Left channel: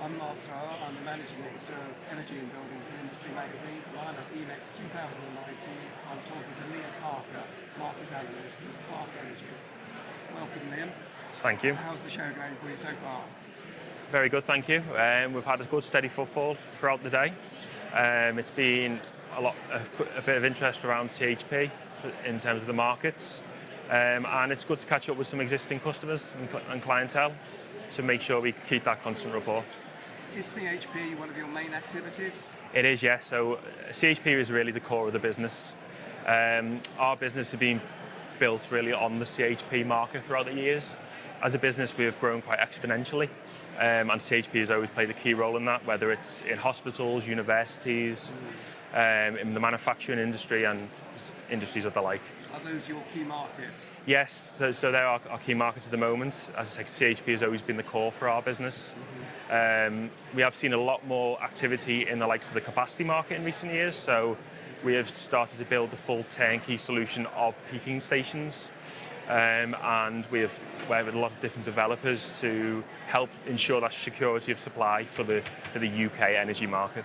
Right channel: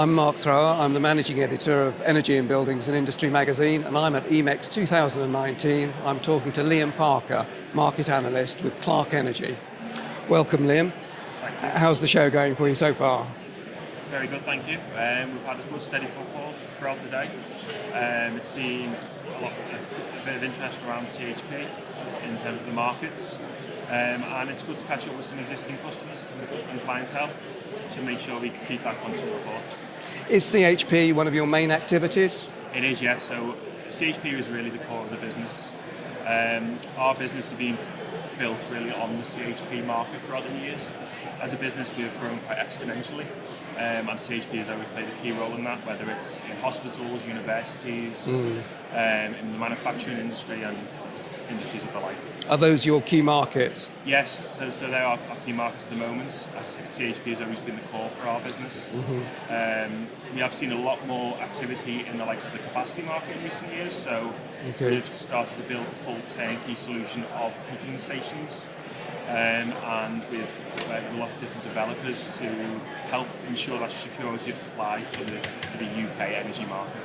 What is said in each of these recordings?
I'm Mark Thrower. I'm the managing editor of Energy and Buildings and Industry magazine, and I'm at EMEX 2019. I'm talking to Liam Parker, market analyst with Clark Energy. Welcome, Liam. Thank you. How's the show going for you so far? Very good, thank you. We've had a good steady footfall throughout the day. It's been a bit of interest around CHP in terms of the markets, and it's good to catch up with some existing customers and clientele to make sure we keep that constant rapport. Is CHP one of your main activities? It is, yes. So CHP is really the core of the business. Our business has been built really on the CHP market throughout the years. As a business, we have grown quite exponentially, and CHP has always played a key role in that, whether it's in hospitals, universities, in the manufacturing industry and industries of the like. Are those your key markets? Yes, so they are our key markets at the moment. As I say, CHP has always been the core for our business. We have seen a lot more activity in the likes of the capacity market in recent years, so we have started to build the full turnkey solution of peaking stations. And we have a lot of different developers to help ensure that security of supply for the UK energy market.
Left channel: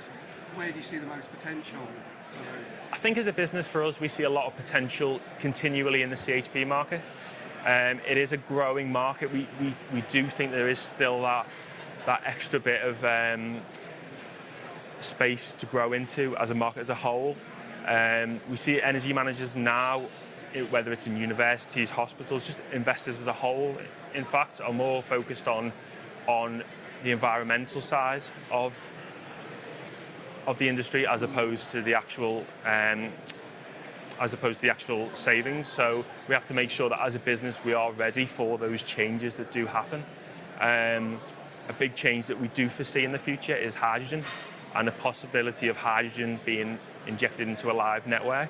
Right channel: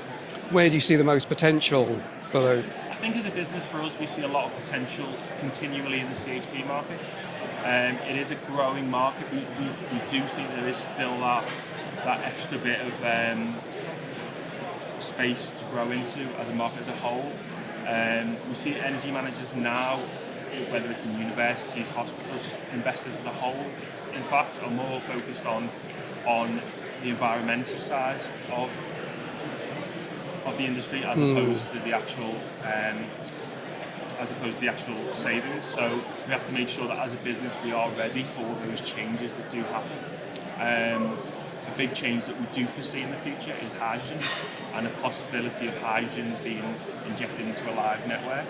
Where do you see the most potential for those? I think as a business for us, we see a lot of potential continually in the CHP market. It is a growing market. We do think there is still that extra bit of space to grow into as a market as a whole. We see energy managers now, whether it's in universities, hospitals, investors as a whole, in fact, are more focused on the environmental side of the industry as opposed to the actual savings. So we have to make sure that as a business we are ready for those changes that do happen. A big change that we do foresee in the future is hydrogen, and the possibility of hydrogen being injected into a live network.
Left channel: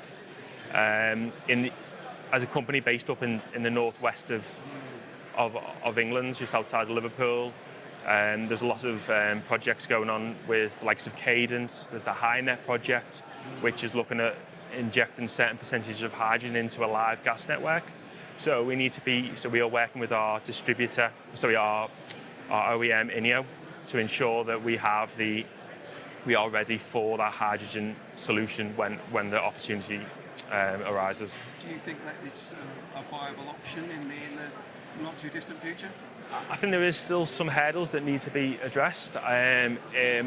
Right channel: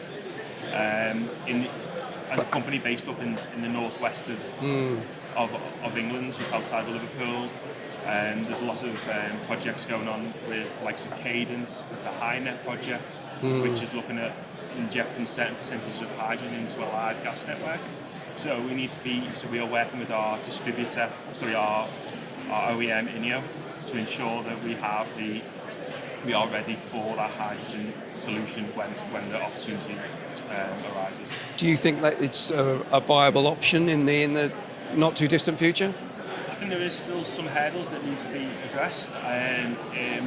As a company based up in the northwest of England, just outside of Liverpool, there's a lot of projects going on with likes of Cadence. There's the HyNet project, which is looking at injecting certain percentage of hydrogen into a live gas network. So we are working with our distributor, our OEM INEO, to ensure that we are ready for that hydrogen solution when the opportunity arises. Do you think that it's a viable option in the not too distant future? I think there is still some hurdles that need to be addressed,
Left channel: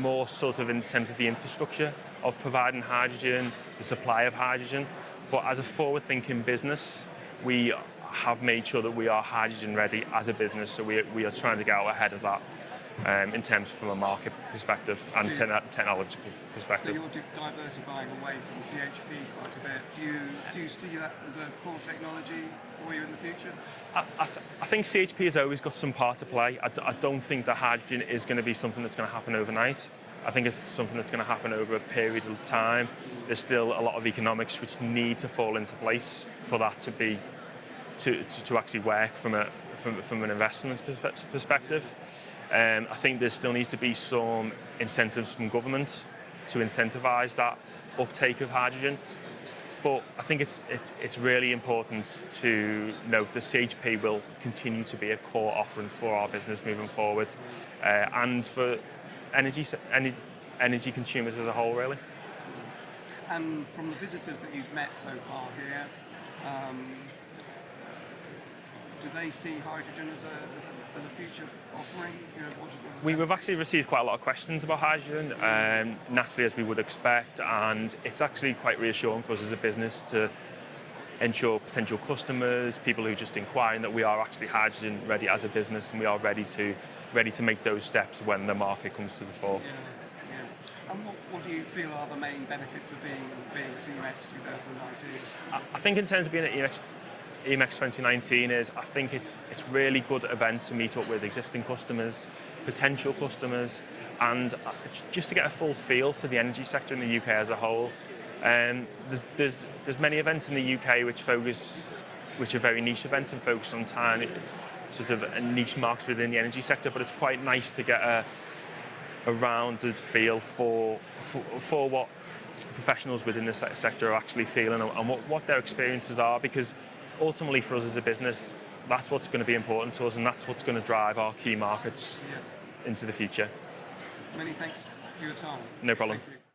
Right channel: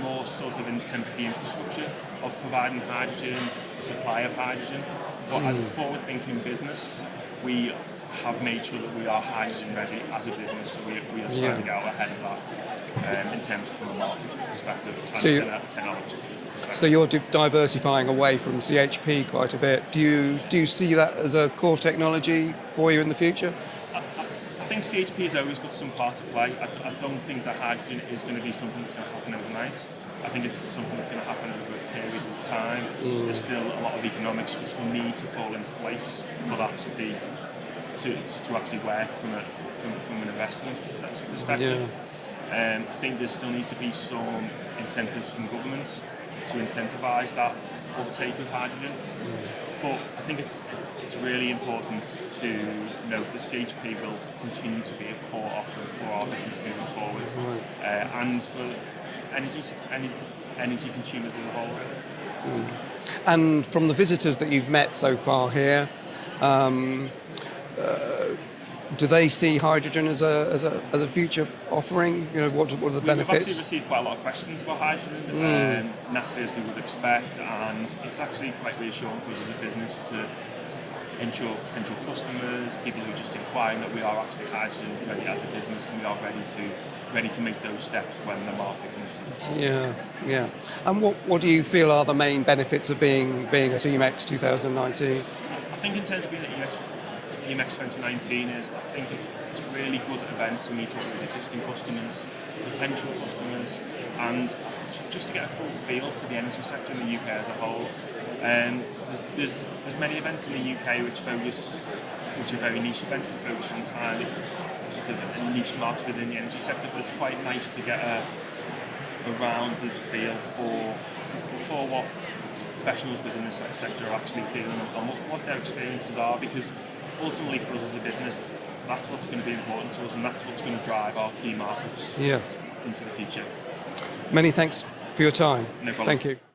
more sort of in terms of the infrastructure of providing hydrogen, the supply of hydrogen. But as a forward-thinking business, we have made sure that we are hydrogen ready as a business, so we are trying to get out ahead of that in terms from a market perspective and technology perspective. So you're diversifying away from CHP quite a bit. Do you see that as a core technology for you in the future? I think CHP has always got some part to play. I don't think that hydrogen is going to be something that's going to happen overnight. I think it's something that's going to happen over a period of time. There's still a lot of economics which need to fall into place for that to actually work from an investment perspective. I think there still needs to be some incentives from government to incentivise that uptake of hydrogen. But I think it's really important to note that CHP will continue to be a core offering for our business moving forward, and for energy consumers as a whole, really. And from the visitors that you've met so far here, do they see hydrogen as a future offering? You know, what are the benefits? We've actually received quite a lot of questions about hydrogen, naturally, as we would expect, and it's actually quite reassuring for us as a business to ensure potential customers, people who are just inquiring, that we are actually hydrogen ready as a business, and we are ready to make those steps when the market comes to the fore. Yeah. And what do you feel are the main benefits of being at EMEX 2019? I think in terms of being at EMEX 2019 I think it's a really good event to meet up with existing customers, potential customers, and just to get a full feel for the energy sector in the UK as a whole. There's many events in the UK which are very niche events and focus on tiny sort of a niche market within the energy sector, but it's quite nice to get a rounded feel for what professionals within this sector are actually feeling and what their experiences are, because ultimately for us as a business, that's what's going to be important to us, and that's what's going to drive our key markets into the future. Many thanks for your time. No problem. Thank you.